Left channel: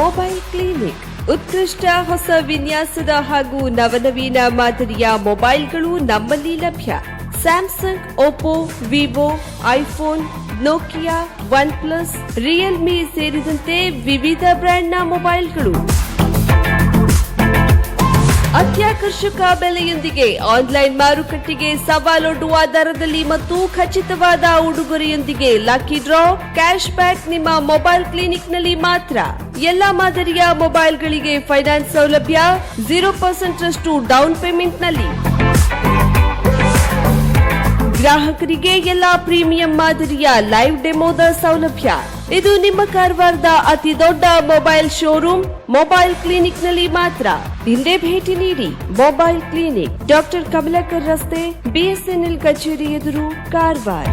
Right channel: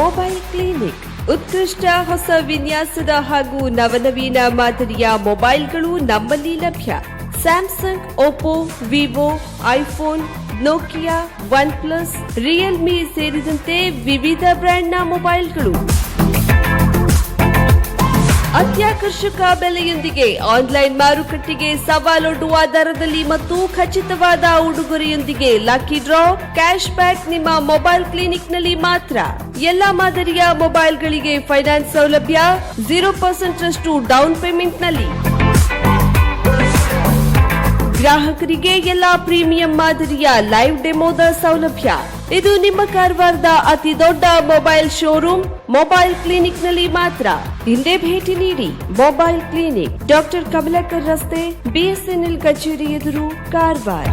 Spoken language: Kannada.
ಮೊಬೈಲ್ ಕ್ಲಿನಿಕ್ ಉತ್ಕೃಷ್ಟ ಹೊಸ ವಿನ್ಯಾಸದ ಹಾಗೂ ನವನವೀನ ಮಾದರಿಯ ಮೊಬೈಲ್ಗಳು ನಮ್ಮಲ್ಲಿ ಲಭ್ಯ. Samsung, Oppo, Vivo, iPhone, Nokia, one plus, Realme ಸೇರಿದಂತೆ ವಿವಿಧ ಬ್ರ್ಯಾಂಡ್ನ ಮೊಬೈಲ್ಗಳು ಅತ್ಯಾಕರ್ಷಕ ಬೆಲೆಯೊಂದಿಗೆ ಆನ್ಲೈನ್ ಮಾರುಕಟ್ಟೆಗೆ ಸವಾಲೊಡ್ಡುವ ದರದಲ್ಲಿ ಮತ್ತು ಖಚಿತವಾದ ಉಡುಗೊರೆಯೊಂದಿಗೆ ಲಕ್ಕಿ ಡ್ರಾ, ಕ್ಯಾಶ್ ಬ್ಯಾಕ್ ನಿಮ್ಮ ಮೊಬೈಲ್ ಕ್ಲಿನಿಕ್ನಲ್ಲಿ ಮಾತ್ರ. ಎಲ್ಲಾ ಮಾದರಿಯ ಮೊಬೈಲ್ಗಳಿಗೆ ಫೈನಾನ್ಸ್ ಸೌಲಭ್ಯ 0% ರಷ್ಟು ಡೌನ್ ಪೇಮೆಂಟ್ನಲ್ಲಿ. ಗ್ರಾಹಕರಿಗೆ ಎಲ್ಲಾ ಪ್ರೀಮಿಯಂ ಮಾದರಿಯ ಲೈವ್ ಡೆಮೋದ ಸೌಲಭ್ಯ. ಇದು ನಿಮ್ಮ ಕಾರವಾರದ ಅತಿ ದೊಡ್ಡ ಮೊಬೈಲ್ ಶೋರೂಮ್ ಮೊಬೈಲ್ ಕ್ಲಿನಿಕ್ನಲ್ಲಿ ಮಾತ್ರ. ಹಿಂದೆ ಭೇಟಿ ನೀಡಿ. ಮೊಬೈಲ್ ಕ್ಲಿನಿಕ್, ಡಾಕ್ಟರ್ ಕಮಲಾಕರ್ ರಸ್ತೆ, BSNL ಕಚೇರಿ ಎದುರು, ಕಾರವಾರ.